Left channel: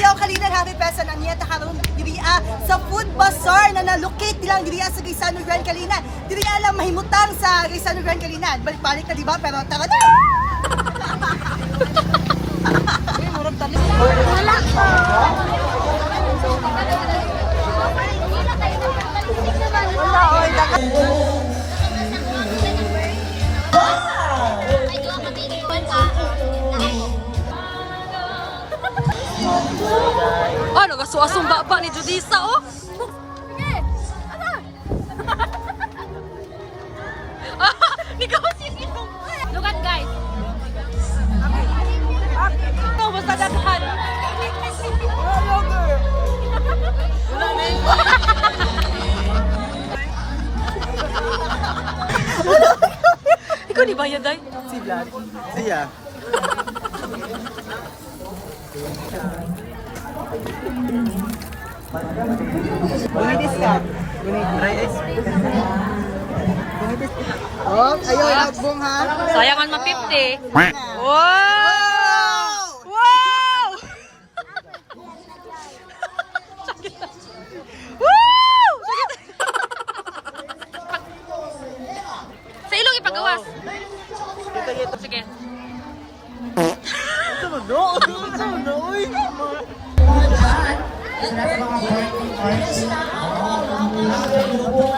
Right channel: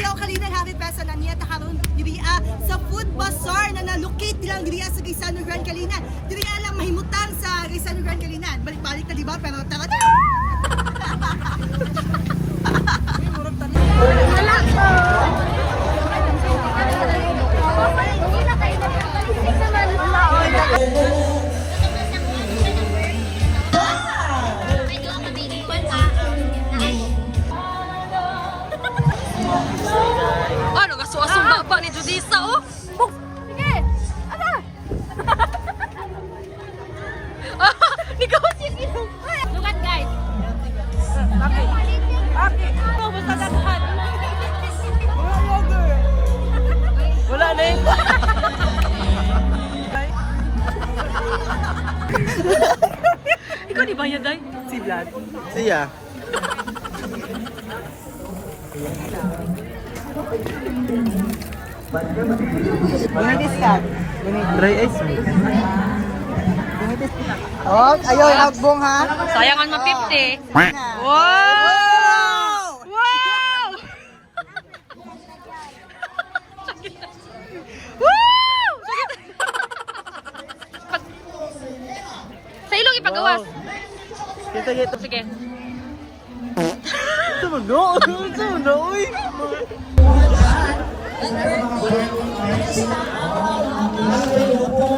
Ayaw kalina ng Happy Pesa na niya takaroon diriya sa food bazaar na na-locate nilang diriya sa Gaisano Grand Kalinan. Diriya lang mahimutang sa Gaisano Grand Kalinan. Balik-balik na diba? Pero tara na! Ano nga suwasong baba ni Judisa o? Sige! Ano? Ni Kaosin Look at guys! Ikaw di bayad ay? Si Vlad. Siya. Bunedis kan? Bunedis. Bunedis. Oh, ayo ya, Bung, Sayangan sama Pipti. Wow! Sige. Sige. Sige. Sige. Sige. Sige. Sige. Ich werde mal